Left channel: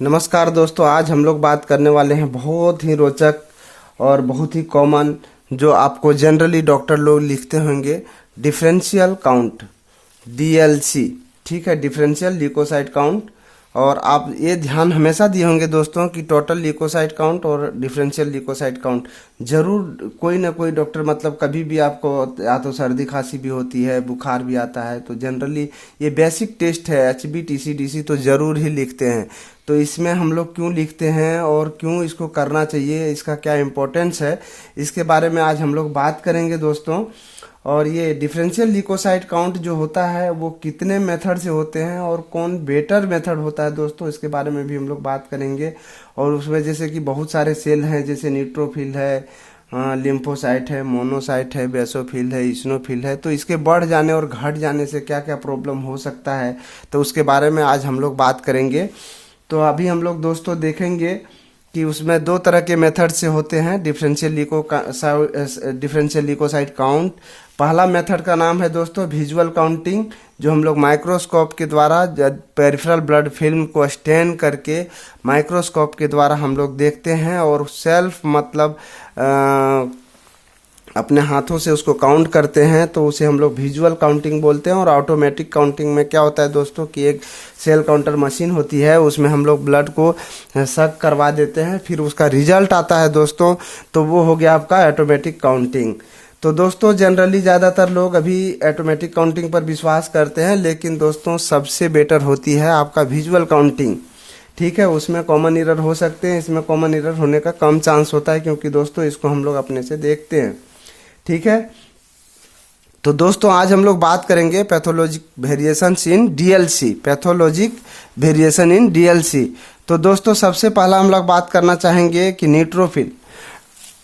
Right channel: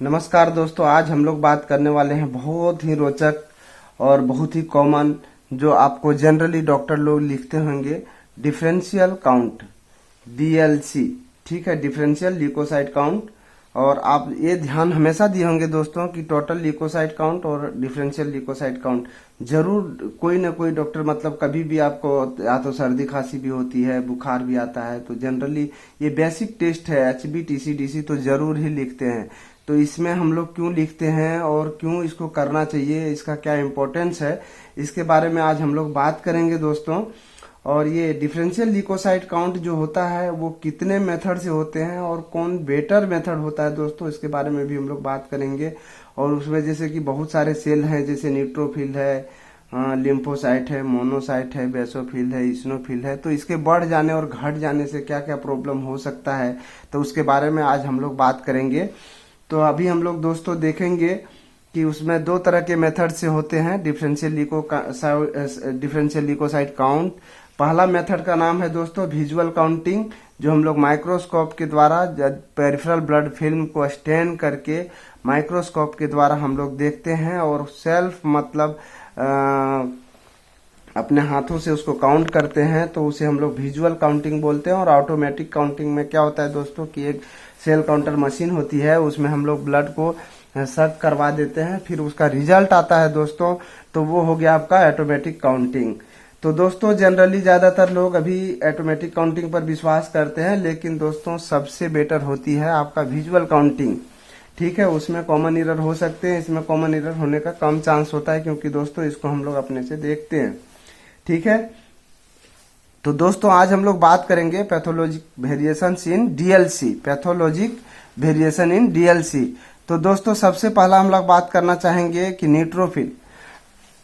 नमस्कार दोस्तों, आज हम लोग बात करने वाले हैं बहुत ही रोचक और बहुत ही कॉमन, जो आपको जनरली डॉक्टर लोग लिखते होंगे, डिफरेंशियल काउंट, डीएलसी। ठीक है, डिफरेंशियल ल्यूकोसाइट काउंट। और आप ये ध्यान हमेशा दिए होंगे दोस्तों कि टोटल ल्यूकोसाइट काउंट और डिफरेंशियल ल्यूकोसाइट काउंट जरूर कोई ना कोई डॉक्टर, मतलब कभी भी आपको या तो सर्दी खांसी भी होती है, बुखार भी आता है, तो जनरली ये बेसिक टेस्ट है एचबी टीसीडीसी तो जरूर ही लिखते हैं। तो इसमें हम लोग क्यों लिखते हैं और क्यों इसको करना चाहिए, इसका क्या इम्पोर्टेंस है, इसके बारे में आज हम लोग बात करेंगे दोस्तों। और ये डिफरेंशियल ल्यूकोसाइट काउंट जो होता है वो कितने मेथड से होते हैं और कौन बेटर मेथड होता है दोस्तों, इसके बारे में भी हम लोग बात करेंगे। और उसमें जैसे कि बहुत सारे सेल हैं, जैसे न्यूट्रोफिल है, लिम्फोसाइट है, मोनोसाइट है, बेसोफिल है, इस्नोफिल है। तो इसके बढ़ जाने और घट जाने से क्या क्या प्रॉब्लम हो सकता है, तो उसके बारे में आज हम लोग बात करेंगे। तो अभी हम लोग दोस्तों देखेंगे कि उसमें दो तरह के मेथड से होते हैं डिफरेंशियल ल्यूकोसाइट काउंट। पहला मेथड का नाम है दोस्तों विजुअल काउंटिंग, जो हम लोग माइक्रोस्कोप के द्वारा पेरिफेरल ब्लड फिल्म को स्टेन करके माइक्रोस्कोप के द्वारा हम लोग देखते हैं और सेल्फ मतलब अपने हाथों से उसको काउंट करते हैं, तो उसे हम लोग विजुअल काउंटिंग बोलते हैं। और ऑटोमेटिक काउंटिंग में क्या होता है दोस्तों कि एक सेल काउंटर मशीन होती है, उसमें हम लोग ब्लड को सक करवा देते हैं, फिर उसका रिजल्ट आता है दोस्तों, तो वो हो गया आपका ऑटोमेटिक काउंटिंग। तो दोस्तों जनरली ज़्यादातर लोग अभी ऑटोमेटिक काउंटिंग पर विश्वास करते हैं, लेकिन दोस्तों सबसे बेटर होती है आपका विजुअल काउंटिंग। ठीक है, उसमें कॉमन एरर हो सकते हैं, इसमें कॉमन एरर होने का कम चांस होता है, क्योंकि दोस्तों इसको हम लोग अपने से देखते हैं। ठीक है, तो दोस्तों आज हम लोग बात करेंगे pathologic variations in DLC, pathologic variation in DLC. तो दोस्तों सबसे पहला हम लोग बात करना चाहेंगे कि न्यूट्रोफिल,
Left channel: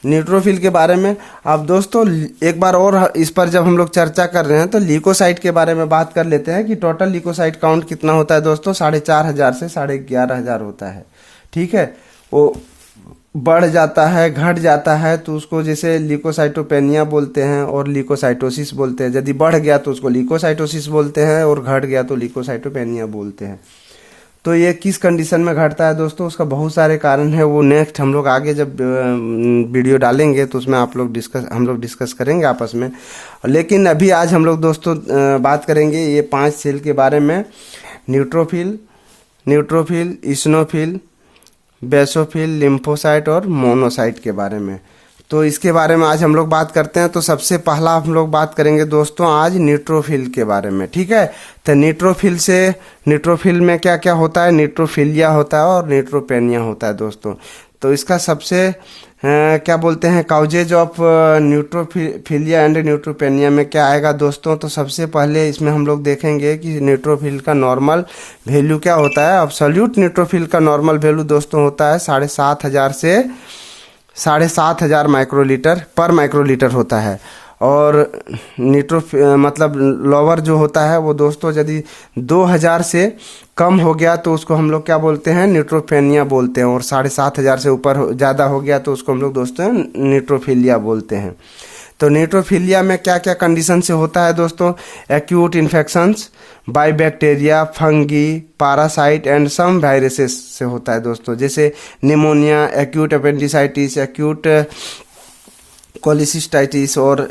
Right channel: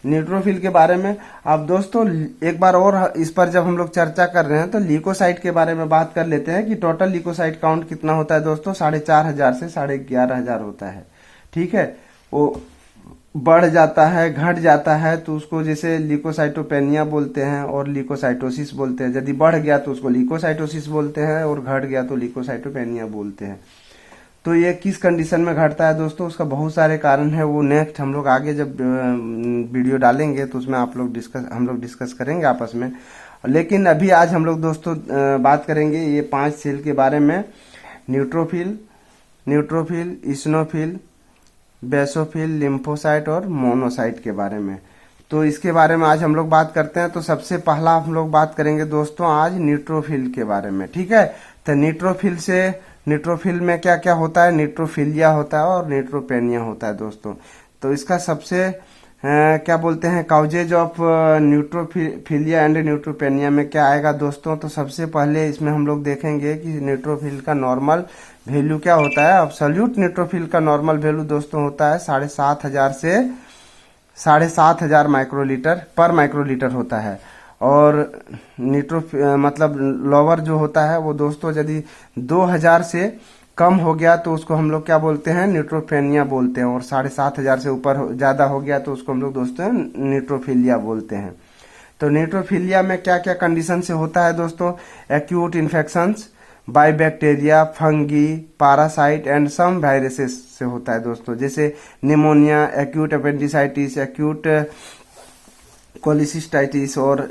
न्यूट्रोफिल के बारे में। अब दोस्तों एक बार और इस पर जब हम लोग चर्चा कर रहे हैं तो ल्यूकोसाइट के बारे में बात कर लेते हैं कि टोटल ल्यूकोसाइट काउंट कितना होता है दोस्तों, 4,500 से 11,500 होता है। ठीक है, वो बढ़ जाता है घट जाता है तो उसको जैसे ल्यूकोसाइटोपेनिया बोलते हैं और ल्यूकोसाइटोसिस बोलते हैं। यदि बढ़ गया तो उसको ल्यूकोसाइटोसिस बोलते हैं और घट गया तो ल्यूकोसाइटोपेनिया बोलते हैं। तो ये किस कंडीशन में घटता है दोस्तों, उसका बहुत सारे कारण है, वो नेक्स्ट हम लोग आगे जब वीडियो डालेंगे तो उसमें हम लोग डिस्कस करेंगे आपस में। लेकिन अभी आज हम लोग दोस्तों बात करेंगे ये 5 सेल के बारे में, न्यूट्रोफिल, इस्नोफिल, बेसोफिल, लिम्फोसाइट और मोनोसाइट के बारे में। तो इसके बारे में आज हम लोग बात करते हैं। तो सबसे पहला हम लोग बात करेंगे दोस्तों आज न्यूट्रोफिल के बारे में। ठीक है, तो न्यूट्रोफिल में क्या क्या होता है, न्यूट्रोफिलिया होता है और न्यूट्रोपेनिया होता है दोस्तों। तो इसका सबसे क्या बोलते हैं काउजेज ऑफ न्यूट्रोफिलिया एंड न्यूट्रोपेनिया में क्या आएगा दोस्तों। तो सबसे पहले इसमें हम लोग देखेंगे कि न्यूट्रोफिल का नॉर्मल वैल्यू क्या होता है। एब्सोल्यूट न्यूट्रोफिल का नॉर्मल वैल्यू दोस्तों होता है 7,500 से 7,500 माइक्रोलीटर पर माइक्रोलीटर होता है। और मतलब लोअर जो होता है वो दोस्तों यदि 2,000 से कम हो गया तो उसको हम लोग क्या बोलते हैं, न्यूट्रोपेनिया बोलते हैं। और 7,500 से ऊपर ज़्यादा हो गया तो उसको हम लोग दोस्तों न्यूट्रोफिलिया बोलते हैं। तो न्यूट्रोफिलिया में क्या क्या कंडीशन से होता है दोस्तों, acute infections by bacteria, fungi, parasite and some viruses से होता है दोस्तों, जैसे pneumonia, acute appendicitis, acute cholecystitis और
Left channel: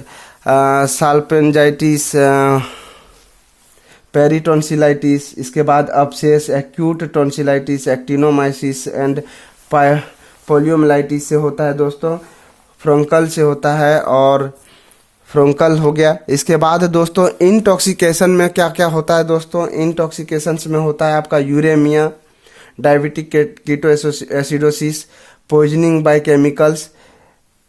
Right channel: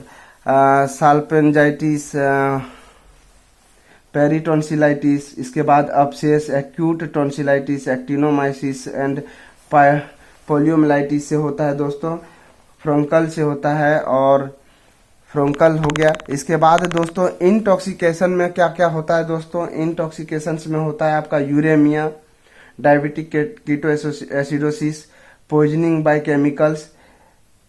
साल्पेंजाइटिस, पेरिटोन्सिलाइटिस। इसके बाद abscess, acute tonsillitis, actinomycosis and poliomyelitis से होता है दोस्तों, फ्रोंकल से होता है और फ्रोंकल हो गया। इसके बाद दोस्तों इंटॉक्सिकेशन में क्या क्या होता है दोस्तों, इंटॉक्सिकेशन में होता है आपका uraemia, diabetic keto acidosis, poisoning by chemicals,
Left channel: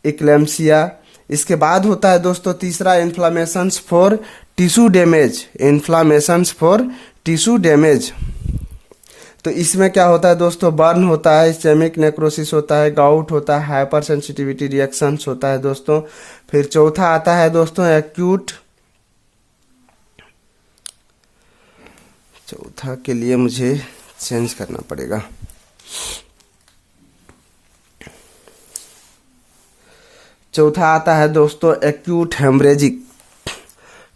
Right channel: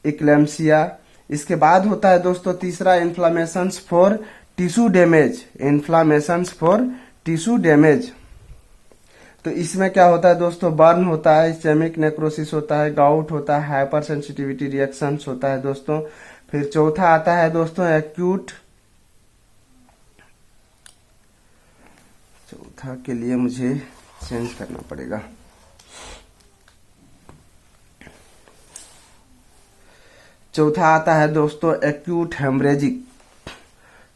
eclampsia. इसके बाद होता है दोस्तों तीसरा inflammations for tissue damage, inflammations for tissue damage. तो इसमें क्या होता है दोस्तों, बर्न होता है, स्टेमिक नेक्रोसिस होता है, गाउट होता है, हाइपर सेंसिटिविटी रिएक्शंस होता है दोस्तों। फिर चौथा आता है दोस्तों एक्यूट, चौथा के लिए मुझे चेंज करना पड़ेगा, चौथा आता है दोस्तों एक्यूट हेमरेजिक।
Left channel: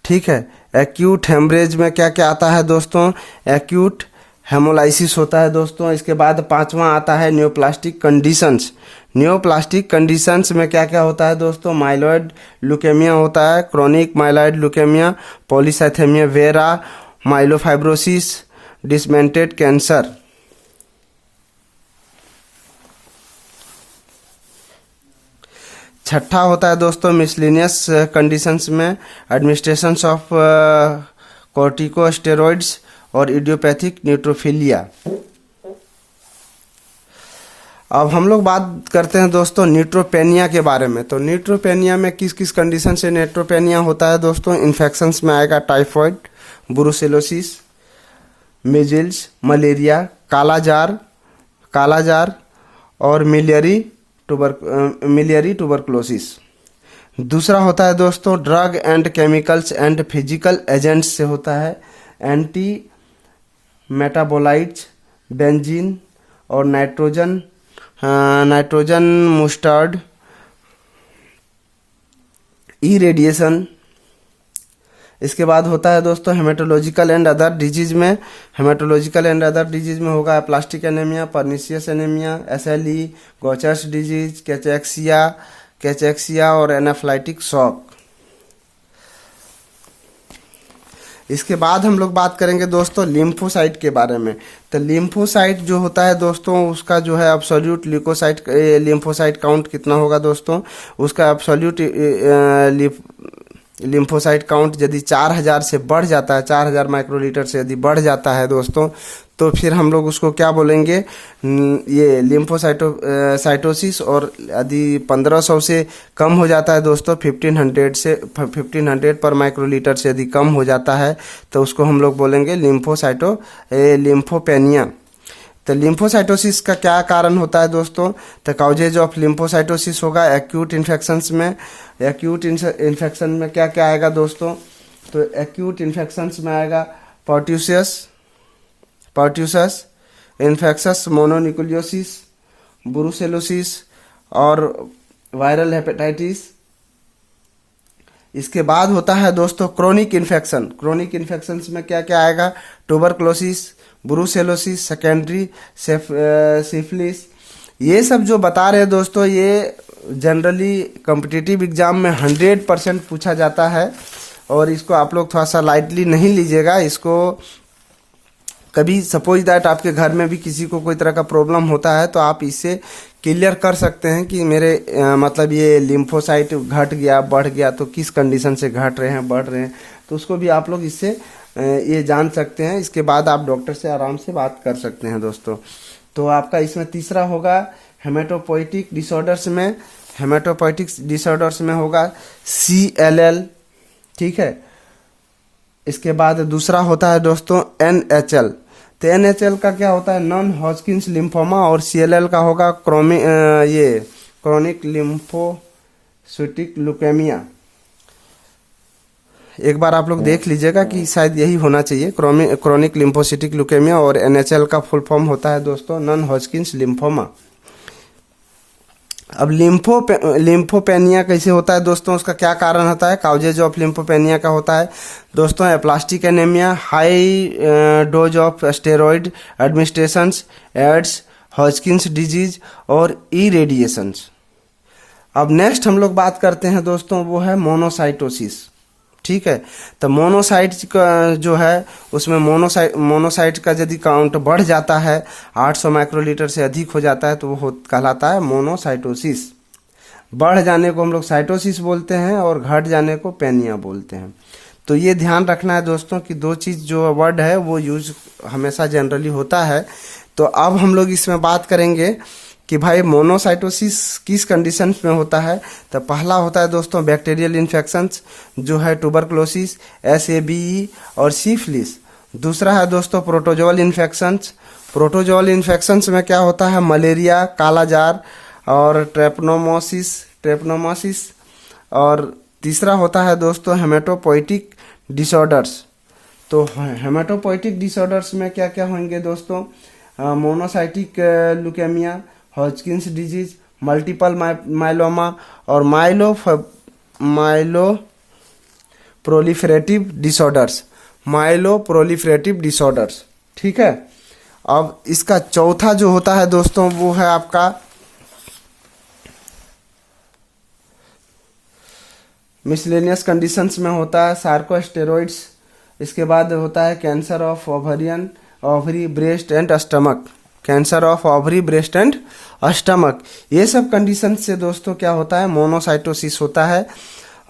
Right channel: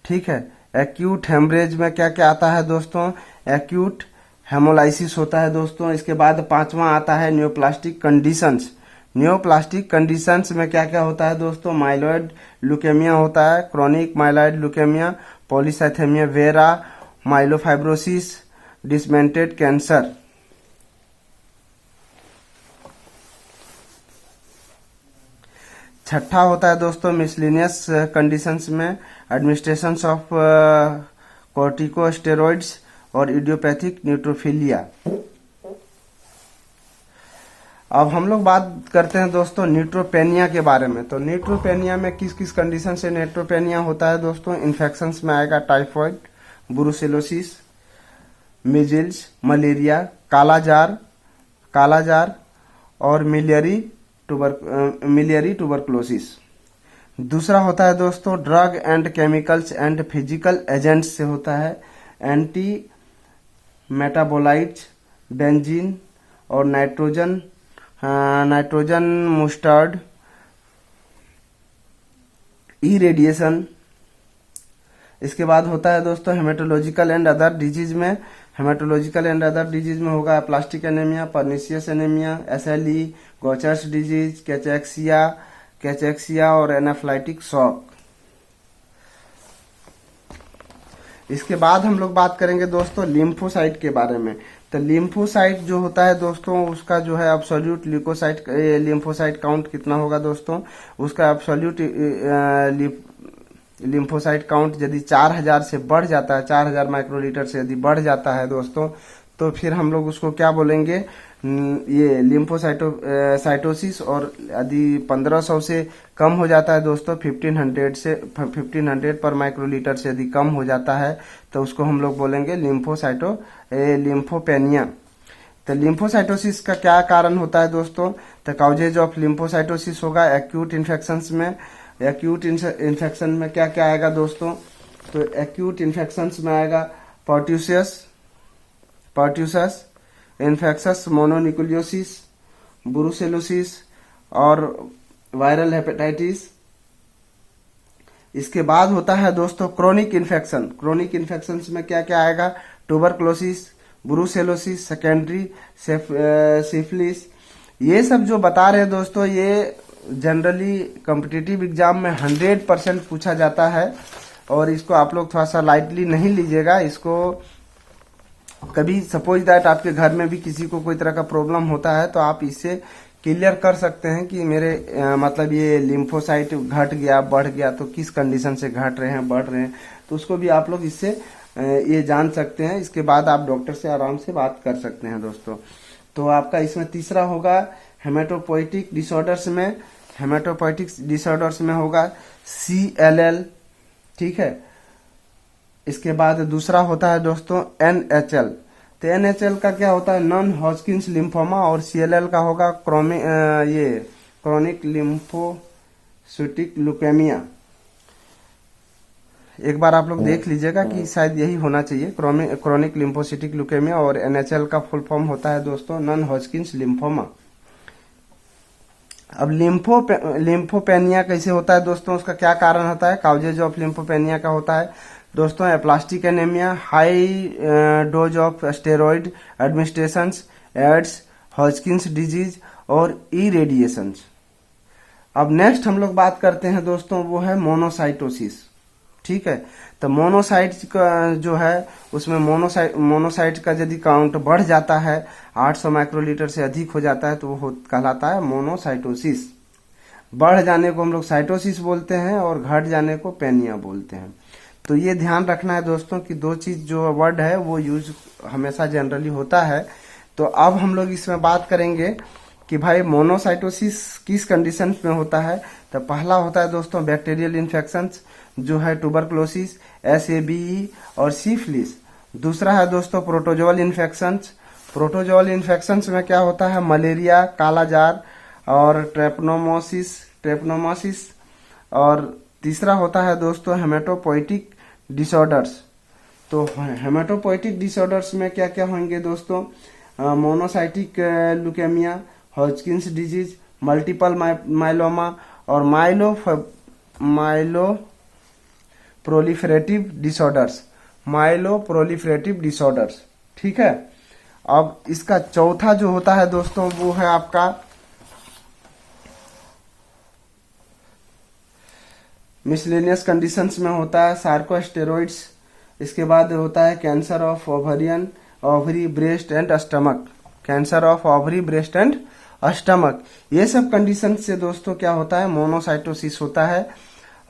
ठीक है, एक्यूट हेमरेज में क्या क्या आता है दोस्तों, एक्यूट हेमोलाइसिस होता है दोस्तों। इसके बाद पांचवा आता है न्योप्लास्टिक कंडीशंस। न्योप्लास्टिक कंडीशंस में क्या क्या होता है दोस्तों, माइलॉइड ल्यूकेमिया होता है, chronic myeloid leukaemia, polycythaemia vera, myelofibrosis, disseminated cancer. छठा होता है दोस्तों मिसलिनियस कंडीशंस में एडमिनिस्ट्रेशन ऑफ कॉर्टिकोस्टेरॉइड्स और इडियोपैथिक न्यूट्रोफिलिया। अब हम लोग बात करते हैं दोस्तों न्यूट्रोपेनिया के बारे में। तो न्यूट्रोपेनिया में किस किस कंडीशन से न्यूट्रोपेनिया होता है दोस्तों, इन्फेक्शंस में आएगा typhoid, brucellosis, measles, malaria, kalazar और मिलियरी ट्यूबरकुलोसिस। दूसरा होता है दोस्तों drug and chemicals and physical agents से होता है, एंटी मेटाबोलाइट्स, बेंजीन और नाइट्रोजन मुस्टर्ड, इरेडिएशन। इसके बाद होता है दोस्तों हेमेटोलॉजिकल एंड अदर डिजीज में। हेमेटोलॉजिकल एंड अदर डिजीज में होगा plastic anaemia, pernicious anaemia, SLE, Gaucher's disease, cachexia और एनाफ्लाइटिक शॉक। इसके बाद हम लोग बात करेंगे दोस्तों लिम्फोसाइट के बारे में। तो लिम्फोसाइट जो होता है दोस्तों उसका जो है एब्सोल्यूट लिम्फोसाइट काउंट कितना होगा दोस्तों, उसका एब्सोल्यूट लिम्फोसाइट काउंट यदि 4000 से बढ़ जाता है, 4000 माइक्रोलीटर से यदि बढ़ जाता है दोस्तों, तो फिर हम लोग उसको क्या बोलेंगे, ये लिम्फोसाइटोसिस। और यदि 1500 से कम हो जाता है दोस्तों, 1500 पर माइक्रोलीटर से यदि कम हो जाता है तो उसको हम लोग बोलेंगे लिम्फोपेनिया। तो लिम्फोसाइटोसिस का क्या कारण होता है दोस्तों, तो काउजेज ऑफ लिम्फोसाइटोसिस होगा एक्यूट इन्फेक्शंस में। एक्यूट इन्फेक्शन में क्या क्या आएगा दोस्तों, तो एक्यूट इन्फेक्शंस में आएगा पर्ट्यूसस, इन्फेक्शस मोनोन्यूक्लियोसिस, ब्रुसेलोसिस और वायरल हेपेटाइटिस। इसके बाद होता है दोस्तों क्रोनिक इन्फेक्शन। क्रोनिक इन्फेक्शंस में क्या क्या आएगा, ट्यूबरकुलोसिस, ब्रुसेलोसिस, सेकेंडरी सिफिलिस। ये सब जो बता रहे हैं दोस्तों, ये जनरली कॉम्पिटिटिव एग्जाम में 100% पूछा जाता है और इसको आप लोग थोड़ा सा लाइटली नहीं लीजिएगा। इसको कभी सपोज दैट आपके घर में भी किसी को कोई तरह का प्रॉब्लम होता है तो आप इससे क्लियर कर सकते हैं कि मेरे मतलब ये लिम्फोसाइट घट गया, बढ़ गया, तो किस कंडीशन से घट रहे हैं, बढ़ रहे हैं, तो उसको भी आप लोग इससे ये जान सकते हैं। इसके बाद आप डॉक्टर से आराम से बात कर सकते हैं दोस्तों। तो आपका इसमें तीसरा होगा हेमेटोपोइटिक डिसऑर्डर्स में। हेमेटोपोइटिक डिसऑर्डर्स में होगा CLL, ठीक है। इसके बाद दूसरा होता है दोस्तों NHL। तो NHL का क्या होता है, नॉन हॉजकिंस लिम्फोमा, और CLL का होगा क्रोनिक लिम्फोसिटिक ल्यूकेमिया। एक बार आप लोग देख लीजिएगा कि शायद यही होना चाहिए, क्रोनिक लिम्फोसिटिक ल्यूकेमिया। और NHL का फुल फॉर्म होता है दोस्तों नॉन हॉजकिंस लिम्फोमा। अब लिम्फोपेनिया कैसे होता है दोस्तों, उसका क्या कारण होता है, काउजेज ऑफ लिम्फोपेनिया का होता है दोस्तों aplastic anaemia, high dose of steroid administrations, AIDS, Hodgkin's disease और इरेडिएशंस। अब नेक्स्ट हम लोग बात करते हैं दोस्तों, वो है मोनोसाइटोसिस, ठीक है। तो मोनोसाइट का जो है उसमें मोनोसाइट का यदि काउंट बढ़ जाता है, 800 माइक्रोलीटर से अधिक हो जाता है, तो वो कहलाता है मोनोसाइटोसिस। बढ़ जाने को हम लोग साइटोसिस बोलते हैं और घट जाने को पेनिया बोलते हैं। तो ये ध्यान रखना है दोस्तों कि दो चीज़ जो वर्ड है वो यूज हमेशा जनरली होता है। तो अब हम लोग इसमें बात करेंगे कि भाई मोनोसाइटोसिस किस कंडीशन में होता है। तो पहला होता है दोस्तों बैक्टीरियल इन्फेक्शंस, जो है ट्यूबरकुलोसिस, SABE और सिफिलिस। दूसरा है दोस्तों प्रोटोजोअल इन्फेक्शंस। प्रोटोजोअल इन्फेक्शंस में क्या होता है, मलेरिया, कालाजार और ट्रेपनोमासिस। और तीसरा होता है दोस्तों हेमेटोपोइटिक डिसऑर्डर्स। तो हेमेटोपोइटिक डिसऑर्डर्स में क्या क्या होंगे दोस्तों, monocytic leukaemia, Hodgkin's disease, multiple myeloma और माइलो प्रोलिफरेटिव डिसऑर्डर्स, ठीक है। अब इसका चौथा जो होता है दोस्तों वो है आपका मिसलेनियस कंडीशंस में होता है सार्कोस्टेरॉइड्स। इसके बाद होता है cancer of ovary breast and stomach, cancer of ovary breast and stomach. ये सब कंडीशन से दोस्तों क्या होता है, मोनोसाइटोसिस होता है।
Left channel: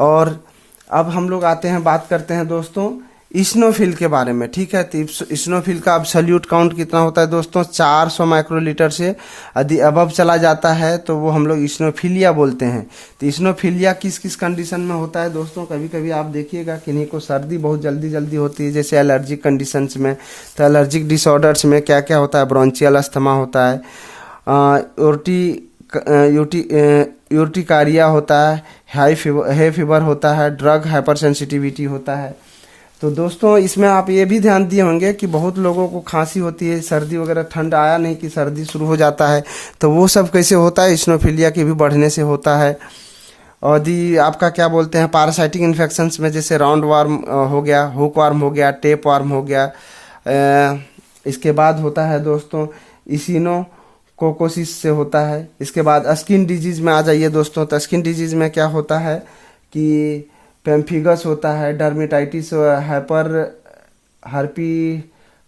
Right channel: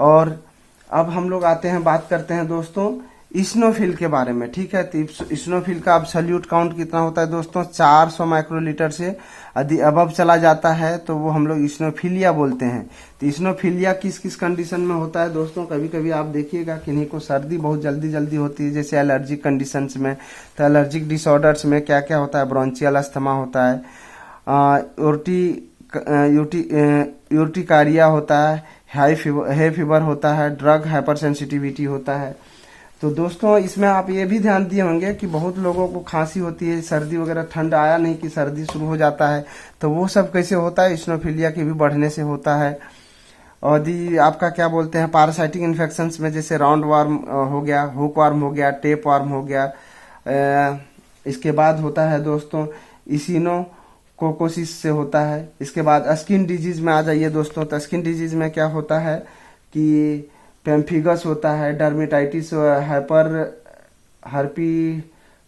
और अब हम लोग आते हैं, बात करते हैं दोस्तों इस्नोफिल के बारे में, ठीक है। तो इस्नोफिल का अब्सोल्यूट काउंट कितना होता है दोस्तों, 400 माइक्रोलीटर से यदि अबव चला जाता है तो वो हम लोग इस्नोफिलिया बोलते हैं। तो इस्नोफिलिया किस किस कंडीशन में होता है दोस्तों, कभी कभी आप देखिएगा किन्हीं को सर्दी बहुत जल्दी जल्दी होती है, जैसे एलर्जिक कंडीशंस में। तो एलर्जिक डिसऑर्डर्स में क्या क्या होता है, ब्रोंचियल अस्थमा होता है, यूर्टिकारिया होता है, हाई फीवर होता है, ड्रग हाइपर सेंसिटिविटी होता है। तो दोस्तों इसमें आप ये भी ध्यान दिए होंगे कि बहुत लोगों को खांसी होती है, सर्दी वगैरह, ठंड आया नहीं कि सर्दी शुरू हो जाता है, तो वो सब कैसे होता है, इस्नोफिलिया के भी बढ़ने से होता है। और यदि आपका क्या बोलते हैं पैरासाइटिक इन्फेक्शंस में, जैसे राउंड वार्म हो गया, हुक वार्म हो गया, टेप वार्म हो गया। इसके बाद होता है दोस्तों इसिनोकोकोसिस से होता है। इसके बाद स्किन डिजीज में आ जाइए दोस्तों। तो स्किन डिजीज में क्या होता है कि पेम्फिगस होता है, डर्मेटाइटिस,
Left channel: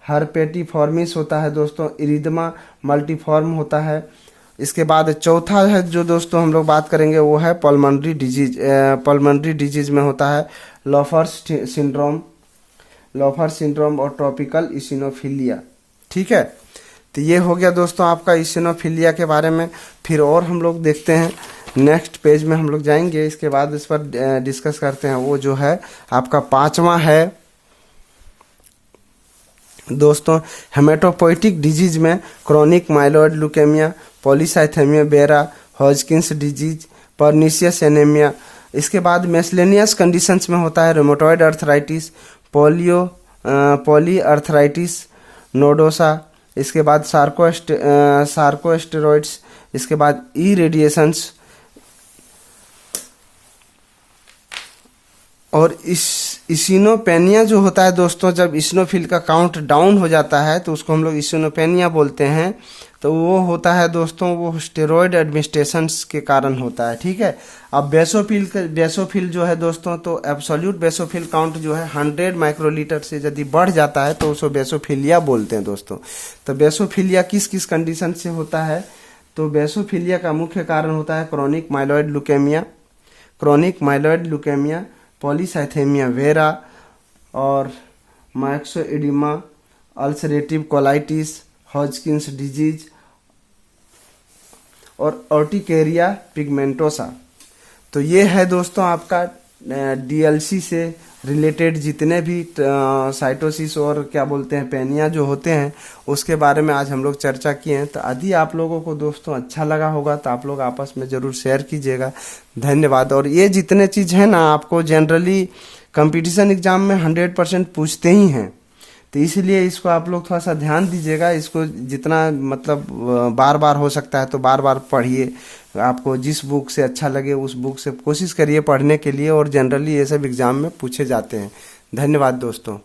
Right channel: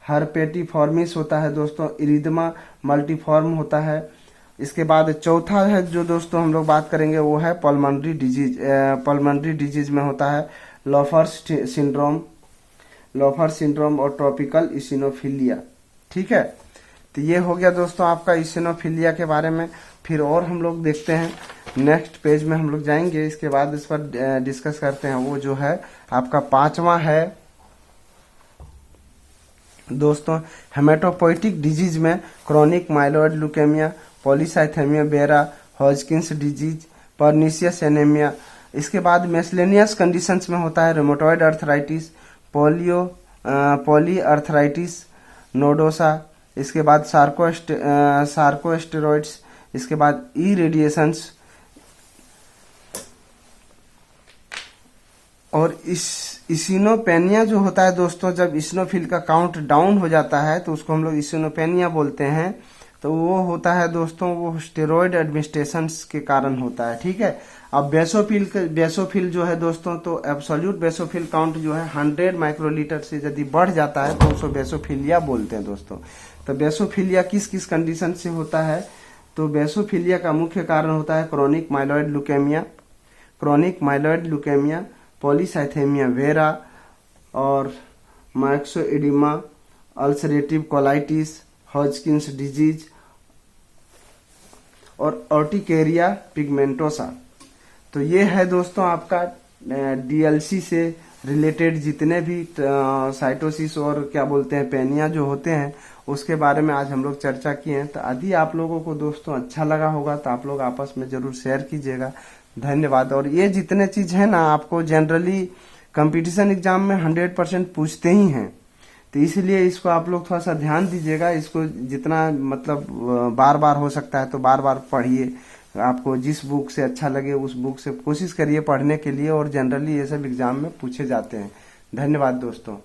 हर्पेटिफॉर्मिस होता है दोस्तों, इरिदमा मल्टीफॉर्म होता है। इसके बाद चौथा है जो दोस्तों हम लोग बात करेंगे वो है पल्मोनरी डिजीज में होता है लॉफर्स सिंड्रोम और ट्रॉपिकल इसिनोफिलिया, ठीक है। तो ये हो गया दोस्तों आपका इसिनोफिलिया के बारे में। फिर और हम लोग देखते हैं, नेक्स्ट पेज में हम लोग जाएंगे, इसके बाद इस पर डिस्कस करते हैं। वो जो है आपका पांचवा है दोस्तों हेमेटोपोइटिक डिजीज में chronic myeloid leukaemia, polycythaemia vera, Hodgkin's disease, pernicious anaemia. इसके बाद मेसलेनियस कंडीशंस में होता है rheumatoid arthritis, poly arthritis nodosa. इसके बाद सार्कोस्टेरॉइड्स। इसके बाद ई रेडिएशंस। और इसिनोपेनिया जो होता है दोस्तों, जब इसिनोफिल का काउंट डाउन हो जाता है तो उसको हम लोग इसिनोपेनिया बोलते हैं। तो वो होता है दोस्तों, वो स्टेरॉयड एडमिनिस्ट्रेशंस के कारण होता है, ठीक है। अब बेसोफिल जो है दोस्तों, तो एब्सोल्यूट बेसोफिल काउंट जो है 100 माइक्रोलीटर से यदि बढ़ जाता है तो उसको बेसोफिलिया बोलते हैं दोस्तों। तो बेसोफिलिया किस किस कंडीशन से होता है, तो बेसोफिलिया का मुख्य कारण होता है chronic myeloid leukaemia, polycythaemia vera और माइक्सोइडिमा, अल्सरेटिव कोलाइटिस, हॉजकिंस डिजीज और ऑर्टिकेरिया पिगमेंटोसा। तो ये है दोस्तों आपका डीएलसी से रिलेटेड जितने भी साइटोसिस और क्या बोलते हैं पेनिया जो होते हैं उसके बारे में आज हम लोग चर्चा किए हैं। तो यदि आप लोगों को दोस्तों अच्छा लगा होगा तो आप लोग आपस में ज़रूर शेयर कीजिएगा। धन्यवाद। और ये जितने चीज़ है ना आपको जनरली कंपटीशन एग्जाम में 100% पूछते ही हैं, तो इसलिए इसको आप लोग थोड़ा सा ध्यान दीजिएगा। इसको जितना मतलब बार बार हो सकता है तो बार बार पढ़िए। आपको जिस बुक से अच्छा लगे उस बुक से कोशिश करिए पढ़ने के लिए, और जनरली ये सब एग्जाम में पूछे जाते हैं। धन्यवाद दोस्तों।